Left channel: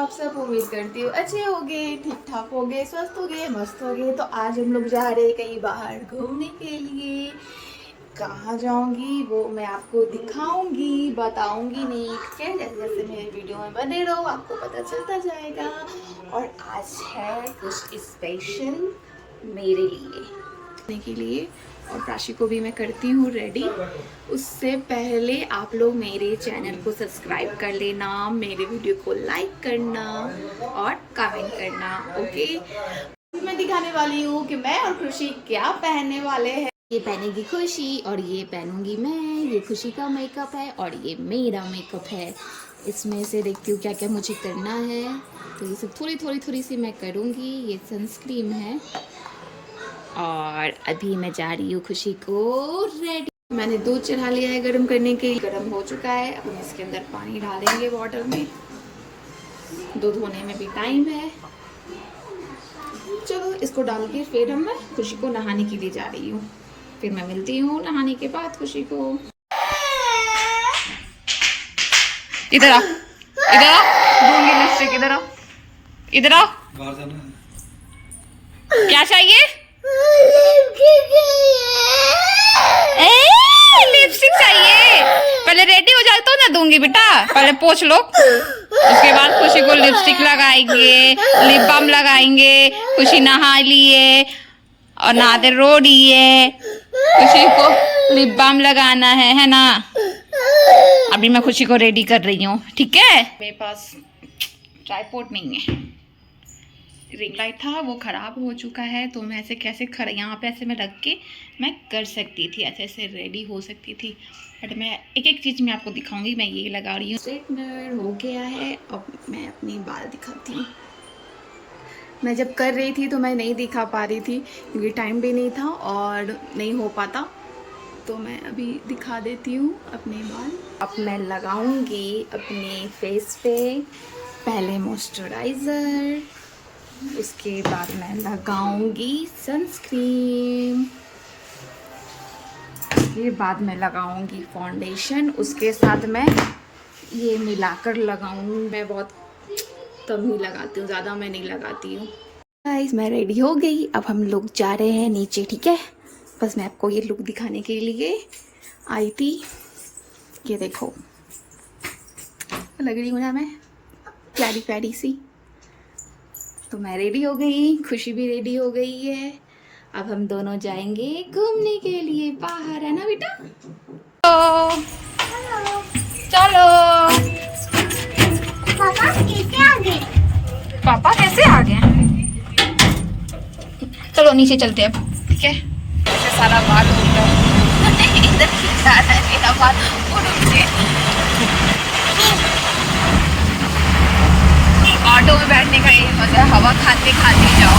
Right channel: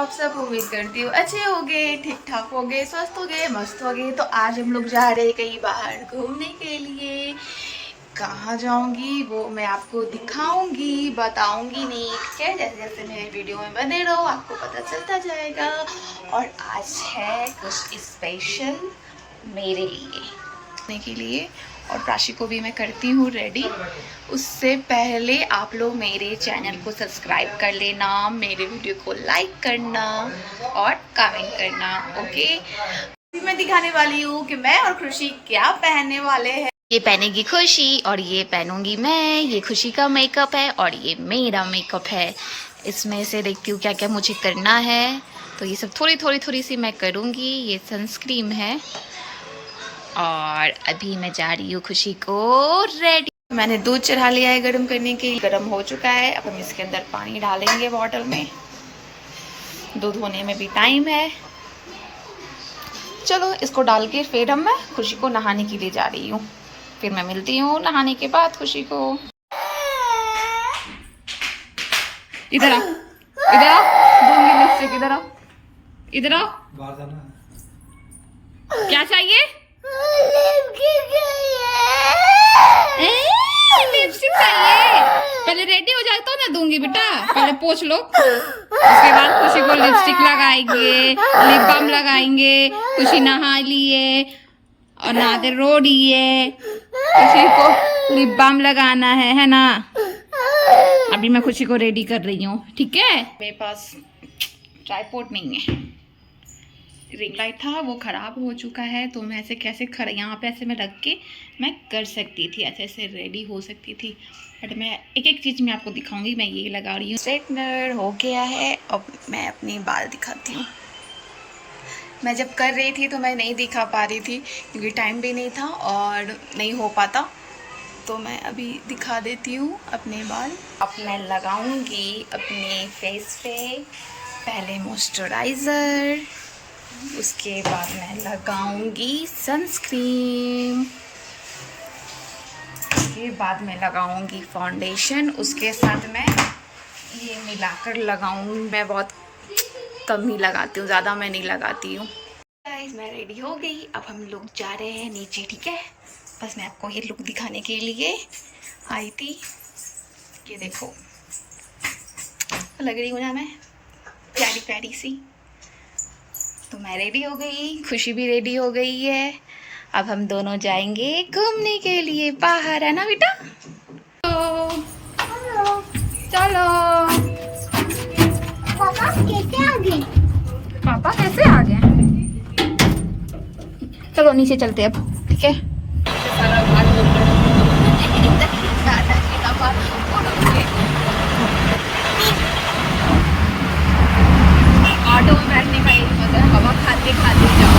आप सब? उम्मीद करती हूँ अच्छे होगे, ठीक ठाक होगे, स्वस्थ होगे, मस्त होगे। तो आज हम लोग जा रहे हैं कहीं बाहर घूमने के लिए। कहाँ जाऊंगी वो मैं आपको दिखाऊंगी, बताऊंगी नहीं, ठीक है? जैसे जैसे मेरे वीडियो में बने रहो आपको पता चलता जाएगा। और आज है कुछ स्पेशल मेरे लिए और राशि को भी मैं करती हूँ रेडी। उससे पहले आप लोग मेरे चैनल को सब्सक्राइब कर लेना, मेरे वीडियो को लाइक करना और कमेंट करना, ओके? अभी मैं दिखाने वाली हूँ कि मैं और खुशी क्या पहनने वाले हैं। ये पहनेगी खुशी और ये पहनूंगी मैं। ये खुशी का मेकअप है और ये मेरा मेकअप है। इसमें से देखती हूँ क्या क्या मुझे करना है। तो ये सब थोड़ी सी मैं करूँगी। ये सनस्क्रीन है और अभी मैं जा रही हूँ खुशी को रेडी। मैंने दूध चढ़ा लिया है गर्म करने के लिए। गर्म हो चुका है। अब हम इसके अंदर पानी डालेंगे बॉटल में। दूध होने में भी टाइम है। चलो इसको डाल के फिर मैं खुशी को नहाने के लिए जा रही हूँ। फिर मैं मिलती हूँ नहाने के बाद खुशी को। इधर आ, इधर आ, दूंगी लिपस्टिक। इधर आ, इधर आ। क्या चाहिए? लिपस्टिक चाहिए? पहले रेडी हो जाए तो ना दूंगी बेटा। पहले पोंछ लो, उसके बाद खुशी को लिपस्टिक लगाएंगे, लिप बाम लगाएंगे। खुशी नहा लिए और नहाते रो रही है। खुशी को लिप बाम लगाना है ना? अभी मैं खुशी को रेडी कर रही हूँ, ठीक है? मेरे पास ट्राइपॉड नहीं है। रिंग लाइट था वो ख़राब हो चुका है, तो मैं ऐसे कैसे यहाँ पे ऐसे मैं रख के मैं कर सकती थी, ऐसे ऐसे रेडी हो सकती थी। बट मैं एक एक चीज़ मैं आपको दिखाऊंगी। मैं ये लगा रही हूँ, स्ट्रेटनर हो गया है। अब मैं अपनी बाल दिखाती हूँ। मैं जब कर रही थी तो मैं नहीं दिखा पा रही थी क्योंकि टाइम भी नहीं था और नहीं हो पाता। तो मैं अभी दिखा देती हूँ अपने बाल। अब मैं लगाऊंगी अपने फेस पे पहले मॉइस्चराइज़र, उसके बाद मैं लगाऊंगी सनस्क्रीन, उसके बाद मैं लगाऊंगी फाउंडेशन। उसके साथ मैं ये मिलाकर लगाऊंगी। मैं बहुत कम ही लगाती हूँ, ज़्यादा मैं नहीं लगाती हूँ। गाइस मैं रेडी हो गई। अब हम लोग जा रहे हैं नीचे, ठीक है? बस मैं आपको ये लुक दिखाने के लिए आई थी। ये देखो लग रही हूँ ना मैं प्यारी प्यारी सी। तो मैं रेडी हो गई, खुशी भी रेडी हो गई है। अब हम दोनों जाएंगे घूमने के लिए बाहर, है ना बेटा? तो चलो। पापा कैसे आ गए? पापा कैसे आ गए? चलो नीचे चलते हैं, ठीक है? ऐसे सारा बाल उड़ रहा है। इधर जा रहा है मेरा बाल उड़ के। ऑटो में बैठने का यही मजा है, हवा खाते खाते जाओ।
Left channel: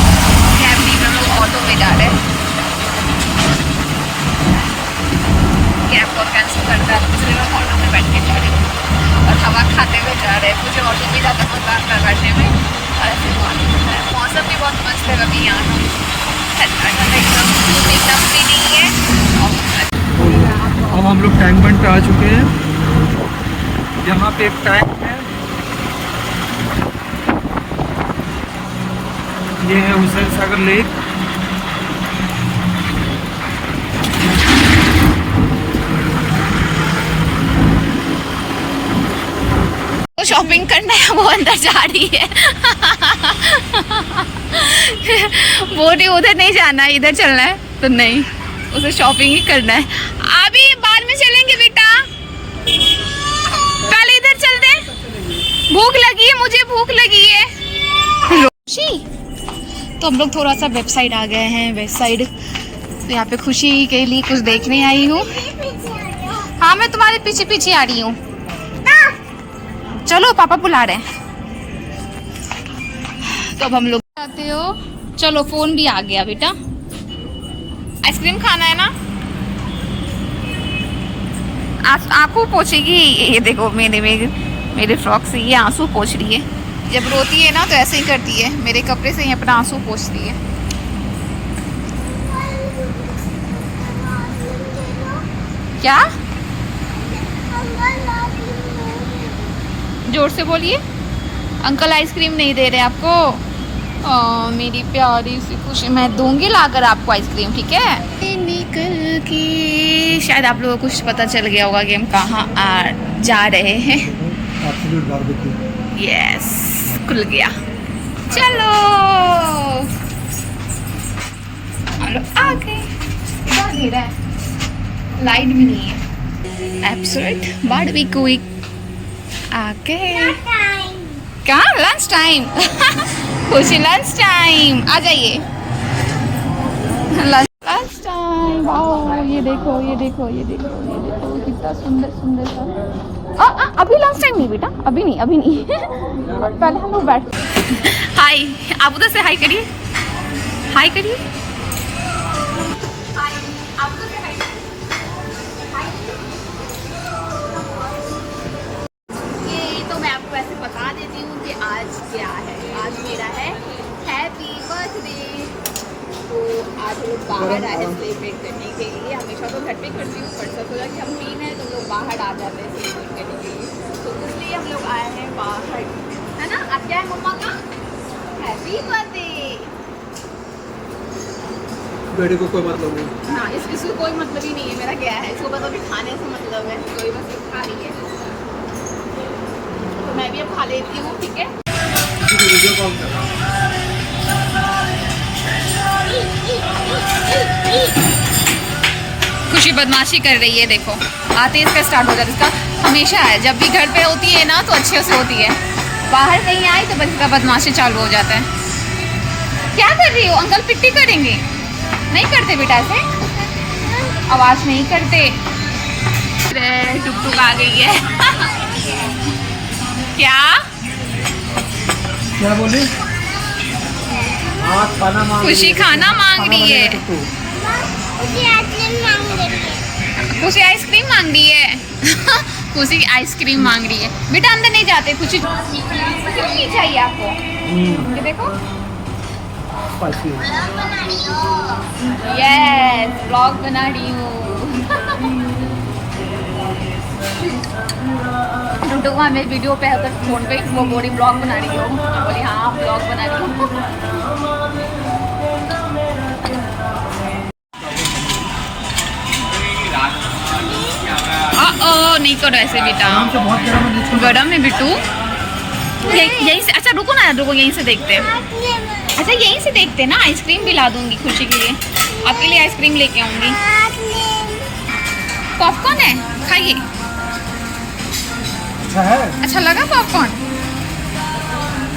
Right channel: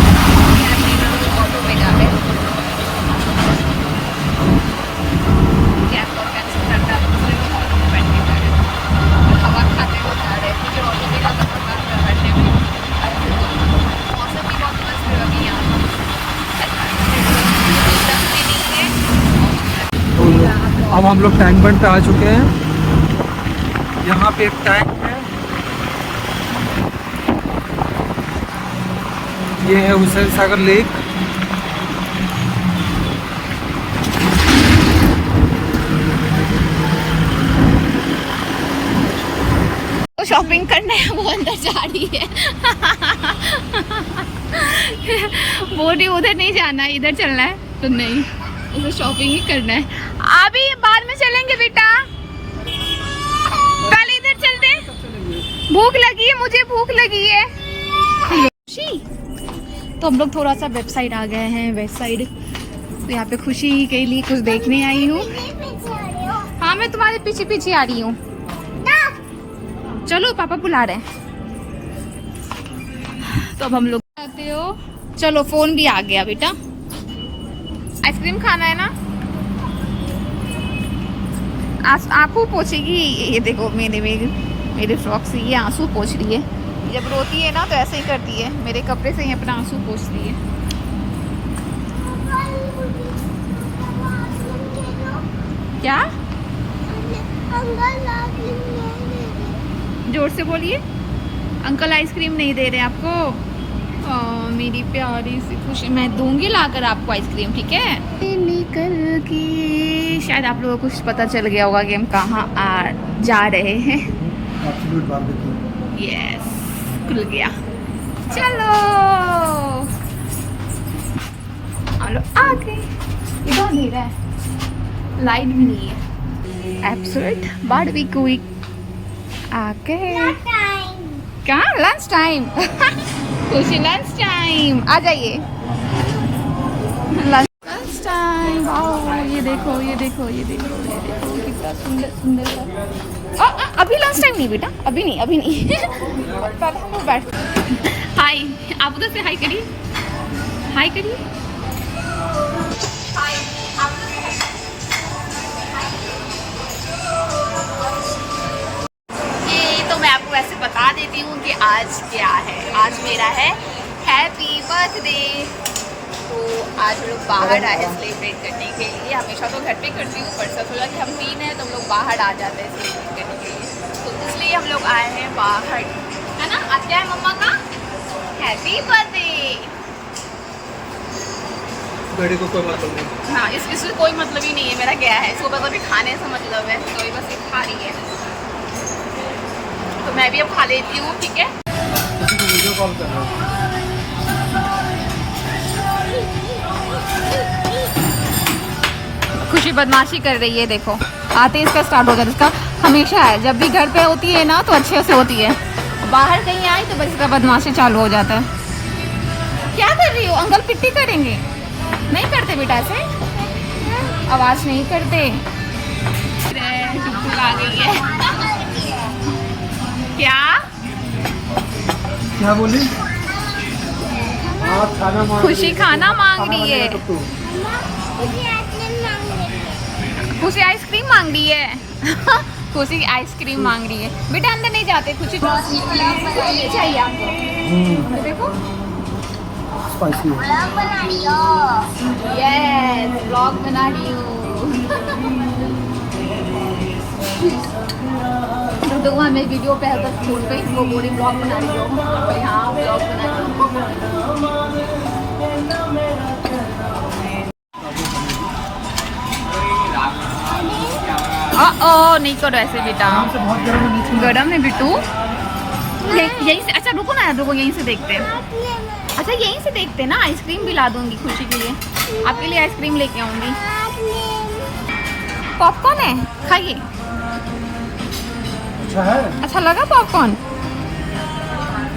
कैब नहीं, हम लोग ऑटो में जा रहे हैं। कैब को कैंसिल करता है, इसलिए मैं ऑटो में बैठ के जा रही हूँ और हवा खाते हुए जा रहे हैं। मुझे ऑटो में ज़्यादा मजा आता है बैठने में। मौसम भी बहुत मस्त है अभी यहाँ का, एकदम भी नहीं है। अब हम लोग टैंक बंड पे आ चुके हैं। यहाँ पे एक टैंक है, ये है हुसैन सागर लेक। तो शॉपिंग करना है, वो अंदर जा रही है। बोली उधर नहीं जाना है, इधर चलना है। तो नहीं, उसे शॉपिंग ही करना है। अभी बाद में चलेंगे बेटा, पहले इधर चलते हैं। भूख लगी है, मुझे भूख लगी है। तो हम लोग थोड़ा सा वेबसाइट आ गए हैं, वेबसाइट। तो यहाँ पे खुशी के लिए कुछ देखने आई हूँ। हाँ मैं तुम्हारे पीछे पीछे आ रही हूँ। चलो पापा बुला रहे हैं। तो अब हम लोग आते हो। चलो फोन भी आ गया बेटा। आइसक्रीम खाना है ना? आंसू पोछेगी। ये देखो मेरे फ्रॉक से ये आंसू पोछ रही है। जब रोती है ना तो ऐसे ही करती है, मेरे कपड़े से ही अपना आंसू पोंछती है। क्या? जोर से बोलिए। अंकल आइसक्रीम नहीं दे रहे आपको? मेरी प्यारी सी खुशी, मैं दूंगी लाकर आपको आइसक्रीम, ठीक है? निकल के शायद आप लोगों को कुछ पता चल गया होगा कि हम कहाँ जा रहे हैं। यस, खुल गया। चलो चलो आगे। इधर अंधेरा है, लाइट भी नहीं है। एब्सोल्यूट बारबेक्यू आके क्या लंच टाइम खुशी लंच टाइम आ जाइए। Lunch time. वाओ, ये देखो ये देखो ये देखो ये देखो कितना सुंदर सुंदर सा। अभी लंच टाइम नहीं बेटा, अभी नहीं अभी नहीं पहले हम लोग बैठ। हाय, आप उधर से हाय करिए, हाय करिए। आपको वैसे बता देती हूँ कि आज क्या है। आज मेरा है हैप्पी बर्थडे। तो आज हम लोग बाहर आए हैं सेलिब्रेट करने के लिए। हमेशा तो घर पे करती हूँ, पर सब सोचा कि हम 3 हैं तो हम लोग बाहर आ जाते हैं सेलिब्रेट करने के लिए, तो इसलिए हम लोग आए हैं बाहर, है ना? आज क्या है मम्मा का? Happy birthday. गाड़ी को कोई मतलब नहीं। हाँ, इससे कोई मतलब ही नहीं है मेरा क्या है। सुबह कभी खाने से मतलब है, तो ये बस ये खा रही है, तो मैं भी अब खा लेती हूँ, ठीक है? वीडियो कॉल कर रहा हूँ। खुशी बदमाशी कर रही है, देखो आते ही इसका स्टार्ट हो जाता है। इसका हमेशा है, जब भी घर पे होती है ना तो अच्छे से होती है, बाहर कहीं आए तो बस इसका बदमाशी चालू हो जाता है। क्या कर रही हो? अंकल पिट्टी करेंगे? नहीं करते बेटा, ऐसे आवाज़ नहीं करते। टुक टुक आ गई है। क्या क्या बोले? खाना मांग खुशी खाना मांग रही है। खुशी आइसक्रीम मांग रही है। खुशी आइसक्रीम मांग रही है। बेटा अंदर नहीं जाते। खुशी नहीं चाहिए आपको? ये देखो, यस व्लॉग बना रही हूँ। तो मैं वीडियो पे अगर फोन पे वो बोरी ब्लॉग बना रही हूँ, बोरी हाँ ब्लॉग बना रही हूँ। नहीं करो ऐसे बेटा, गरम है बिट्टू। यहीं से, अच्छा रुको ना, रुको यहीं से देखते हैं। अच्छा यहीं से देखते हैं ना। आइसक्रीम भी ला दूंगी खुशी के लिए, आपके लिए आइसक्रीम लेके आऊंगी। पॉपकॉर्न है, खाइए। अच्छा लगा पॉपकॉर्न?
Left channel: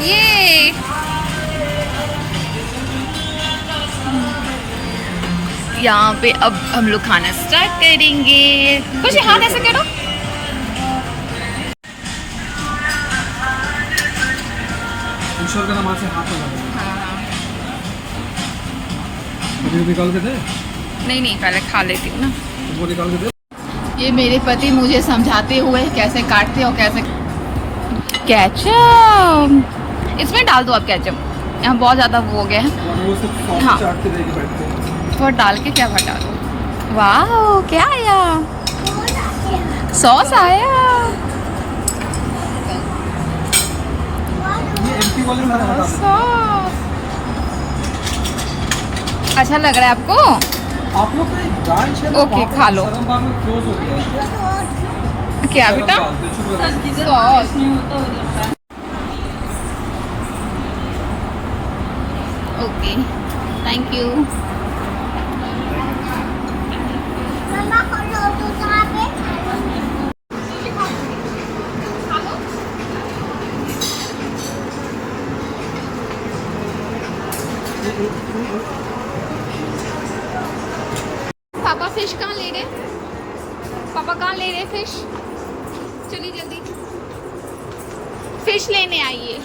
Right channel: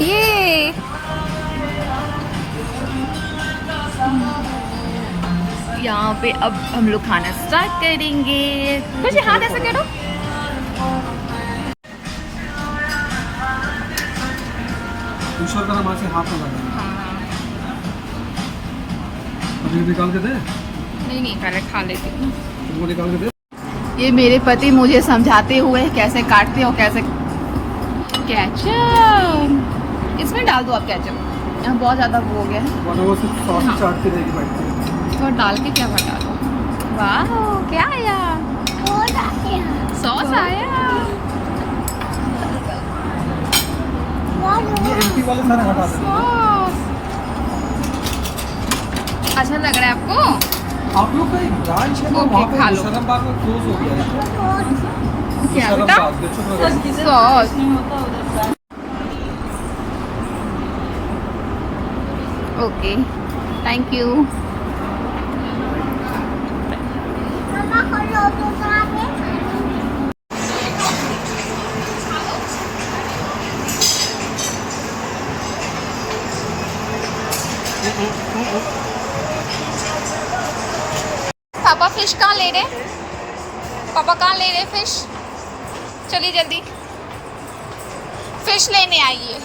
ये यहाँ पे अब हम लोग खाना स्टार्ट करेंगे। कुछ हाथ ऐसे करो। ईश्वर का नाम से हाथ लगा। हाँ पनीर निकाल के दे? नहीं पहले खा लेती हूँ ना। तुमको निकाल के दे। ये मेरे पति मुझे समझाते हुए कैसे काटते हो, कैसे। केचप इसमें डाल दो आप, केचप यहाँ बहुत ज़्यादा वो हो गया है। वो सिर्फ सॉस हाँ। चाट के देगी बैठ के। थोड़ा डाल के क्या हटा दो। वाह क्या आया? सॉस आया। ये एमपी वाले में लगा था। सॉस अच्छा लग रहा है आपको? आप लोग का एक ब्रांच है ना, ओके, वहाँ पे खा लो। मुसलमान में क्लोज हो गया है। क्या बेटा? सॉस। Okay thank you. पापा फिश कहाँ ले रहे? पापा कहाँ ले रहे फिश? चलिए जल्दी फिश लेने आइए।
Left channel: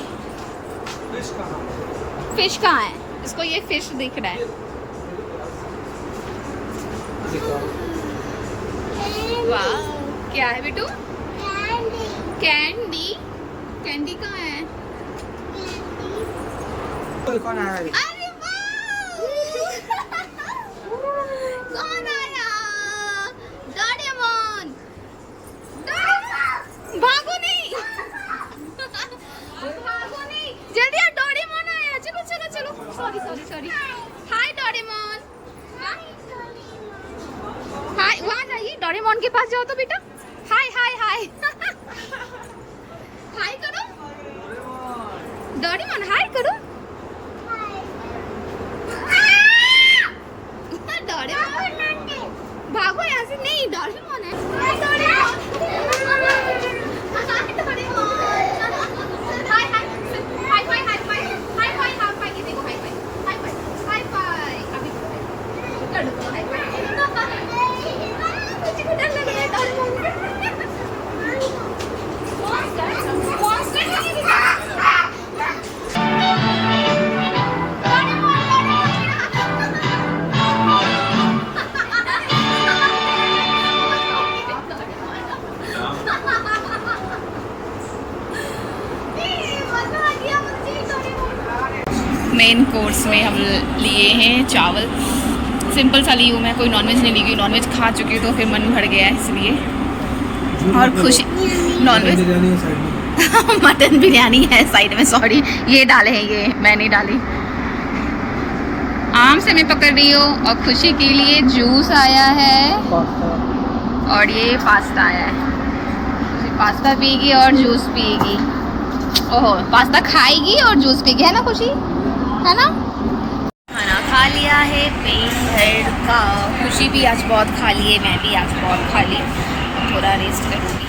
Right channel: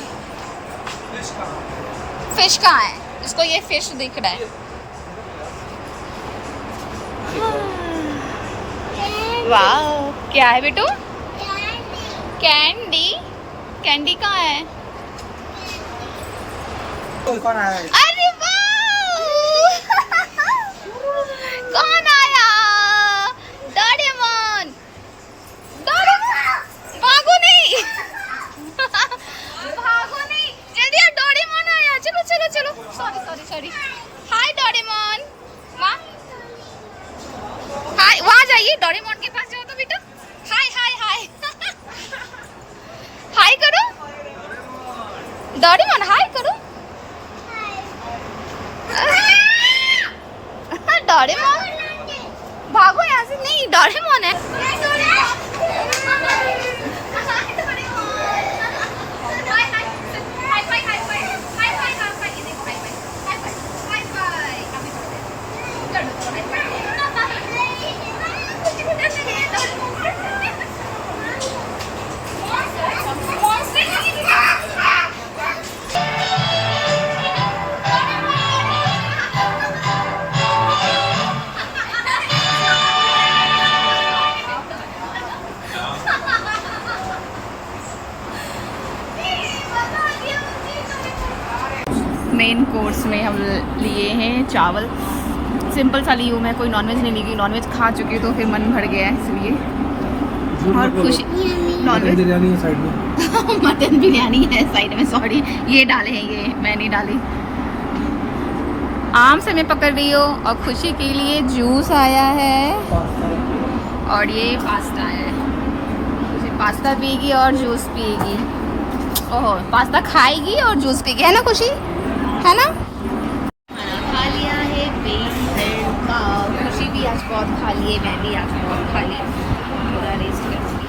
फिश कहाँ है? इसको ये फिश दिख रहा है। वाह क्या है बेटू? कैंडी। कैंडी कहाँ है? कौन आया? अरे वाह कौन आया? डोरेमोन। डोरेमोन भागो नहीं भागो चलो sorry sorry sorry. Hi Doraemon. माँ हाय, वहाँ जाइए, डोरेमोन के पास जाओ तो बेटा। हाय हाय हाय हाय करो डोरेमोन, हाय करो। डोरेमोन भागो यहाँ से, नहीं डोरेमोन है। मेन कोर्स में हम लिए हैं चावल, सिंपल सा ली हूँ मैं, कोई नॉनवेज नहीं ली गई, नॉनवेज खा चुकी हूँ तो फिर मन भर गया है इसलिए। और खुशी नॉनवेज बिरयानी है साइड में। मटन बिरयानी है साइड में, सॉरी ये डाले हैं, ये मैं नहीं डाली। आम से मैं पकड़ रही हूँ और खुशी के लिए जूस आया है और ये पास्ता आया है। खुशी पास्ता पिएगी और जूस पिएगी। ओहो, पास्ता खाएगी और जूस पिएगी, है ना खुशी, है ना। खाना खा लिया है पेट भर का। खुशी भी आज बहुत खा ली है, मैं भी आज बहुत खा ली, थोड़ा रेस्ट करूँगी।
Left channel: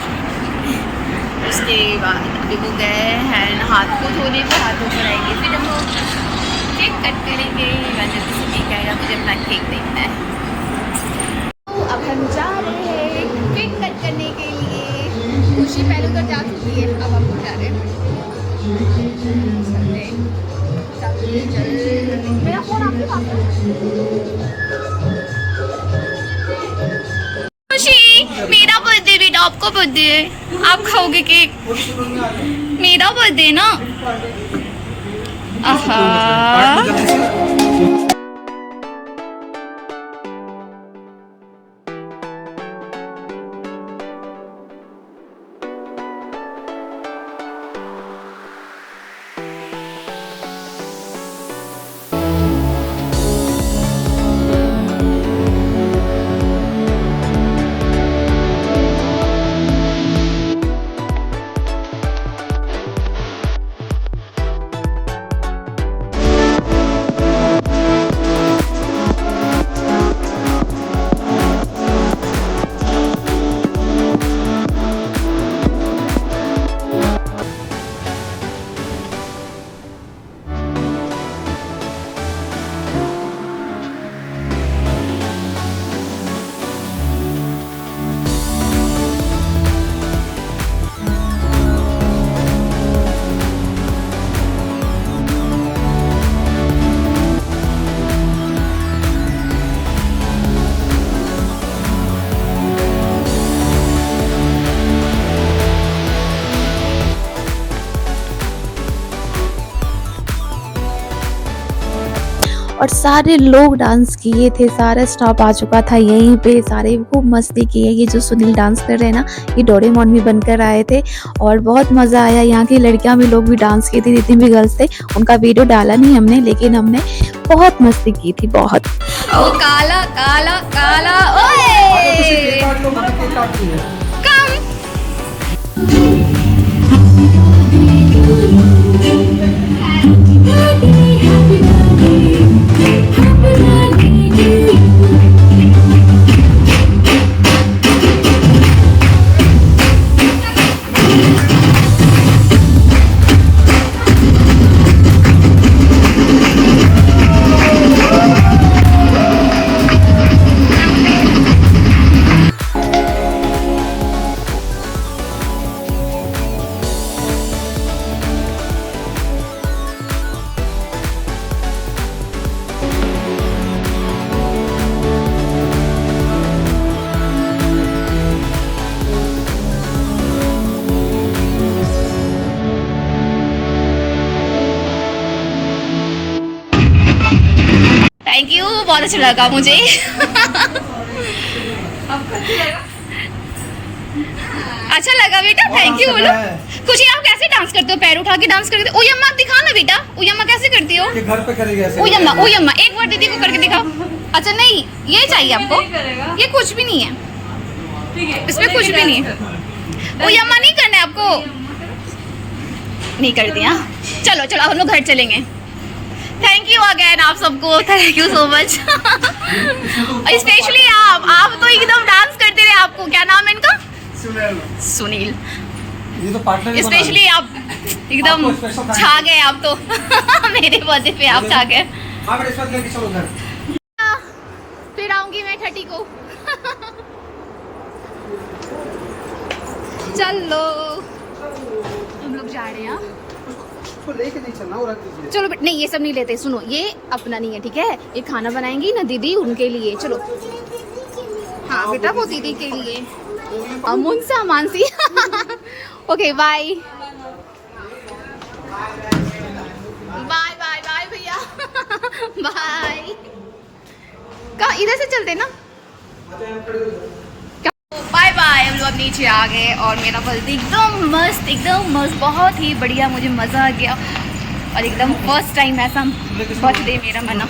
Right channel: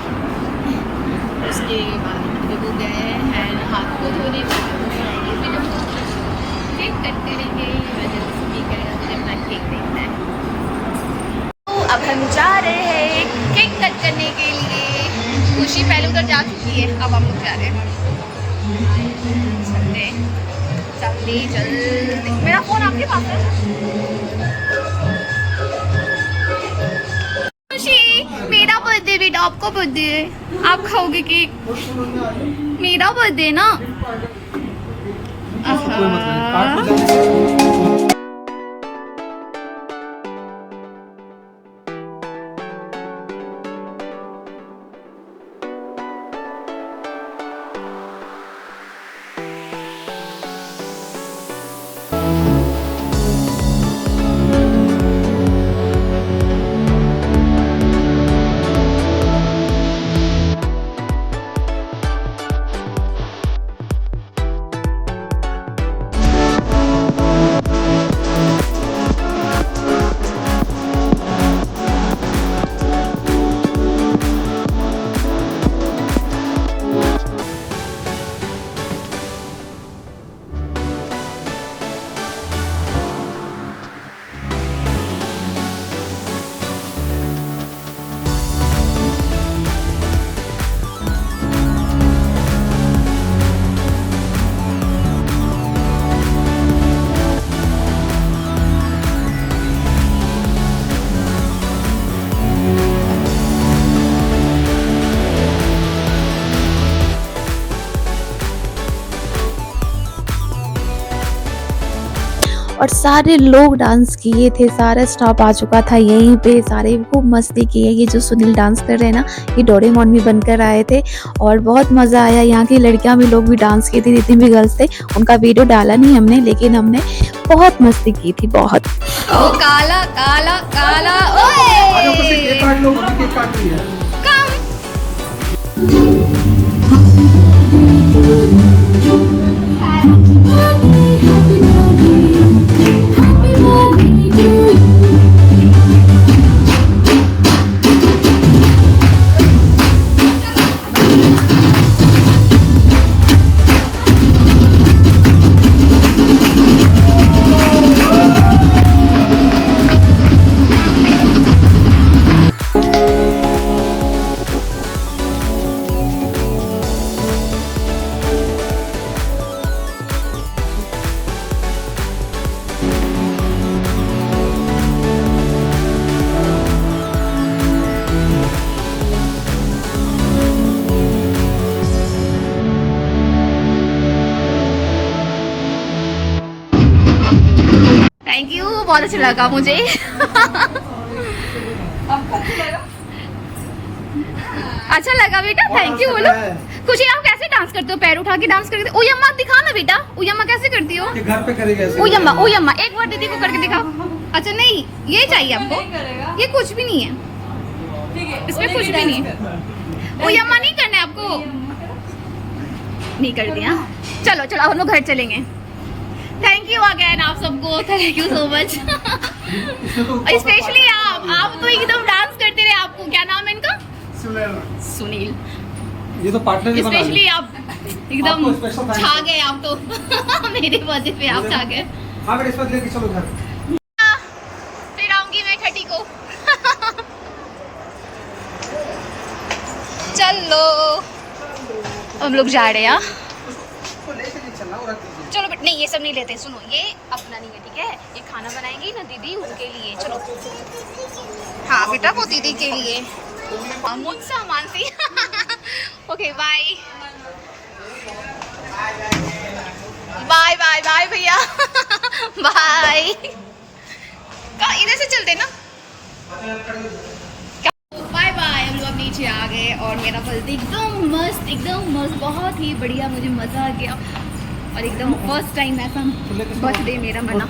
उसके बाद अभी वो गए हैं हाथ को धोने को, हाथ धो कर आएंगे, फिर हम केक कट करेंगे। मैं जल्दी से केक आएगा, मुझे अपना केक देखना है। तो अब हम जा रहे हैं केक कट करने के लिए। खुशी पहले उधर जा चुकी है, अब हम लोग जा रहे हैं। चलते जल्दी जल्दी, मेरा फोन आपके पास है। खुशी मेरा बर्थडे बेटा, आपका बर्थडे है, आप खाओगे केक, मेरा बर्थडे ना। आहा और सारे लोग डांस किए थे, सारा स्टाफ आ चुका था यहीं पे, सारे खूब मस्ती किए। ये जो सुनील डांस कर रहे हैं ना, ये डोरेमोन भी बनकर आए थे और बहुत मज़ा आया। यहाँ की लड़कियां भी, लोग भी डांस किए थे, जितने भी गर्ल्स थे। उनका वीडियो डाला नहीं हमने, लेकिन हमने बहुत मस्ती की थी, बहुत। ओ काला काला काला, ओए कम। थैंक यू, बहुत अच्छा लगा मुझे। अच्छा लगा बेटा, थैंक यू बोलो। खुशी आप कैसे डांस करते हो? पैर उठा के डांस करते हो? ओयम्मा दिखा ना बेटा, ओयम्मा कैसे करती हो? ये घर पे करेगी ऐसे। ओयम्मा ओयम्मा एक बार दीदी को करके दिखाओ। अच्छा नहीं ये चाहिए आपको, ये कुछ भी नहीं है, इसमें कुछ भी नहीं है। ओयम्मा नहीं करना है आपको, नहीं कर दिया। चलो चलो अब हम लोग घर चलेंगे। थैंक यू अगेन आप सबको, thank you so much. Specially आप तो एकदम डांस करते रहे। आपको क्या नाम है इनका? सुनील। ये तो पार्टनर स्पेशली आप एकदम आपको special thank छा गए आप तो। मेरे बर्थडे पे आप छा गए। हाँ बेटा इस वक्त लेके चलो घर। फिर आऊंगी मैं 30 को। चलो हम लोग जा रहे हैं। उसको लेके नहीं चलना और रख दीजिए। चलो नहीं ये सब नहीं लेते, सुनो ये अपना नहीं है ठीक है। ये खाना बनाएंगी ना दीदी उनके लिए। चलो हाँ बेटा वो दीदी के लिए। मुंसा Mansi. Okay bye bye bye bye भैया। बाय। कहाँ इधर से चलते ना। Bye bye. हम लोग अब नीचे आ गए और मेरा बर्थडे एकदम मस्त बहुत ही बढ़िया, मुझे मज़ा आ गया। और एकदम फर्स्ट टाइम ऐसा बर्थडे मेरा मना,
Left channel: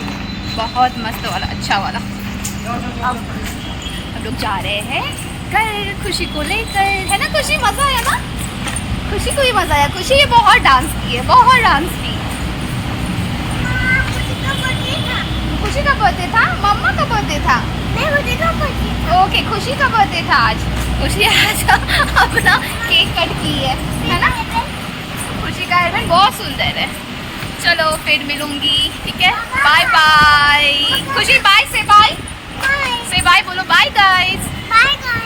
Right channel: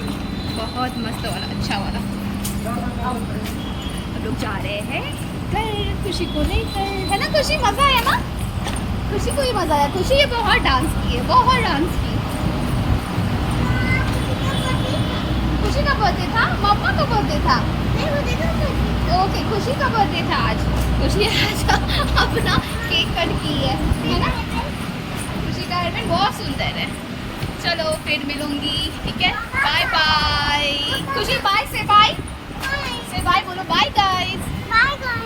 बहुत मस्त वाला अच्छा वाला। अब हम लोग जा रहे हैं घर खुशी को लेकर, है ना खुशी? मज़ा आया ना? खुशी को ही मज़ा आया। खुशी ये बहुत डांस की है, बहुत डांस की। खुशी का बर्थडे था, मम्मा का बर्थडे था। ओके खुशी का बर्थडे था आज। खुशी आज अपना केक कट की है ना? खुशी का हेयरबैंड बहुत सुंदर है। चलो फिर मिलूंगी ठीक है। Bye bye. खुशी बाय से बाय से बाय बोलो। Bye guys.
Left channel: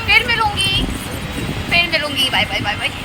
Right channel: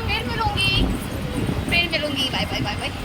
फिर मिलूंगी बाय बाय बाय बाय।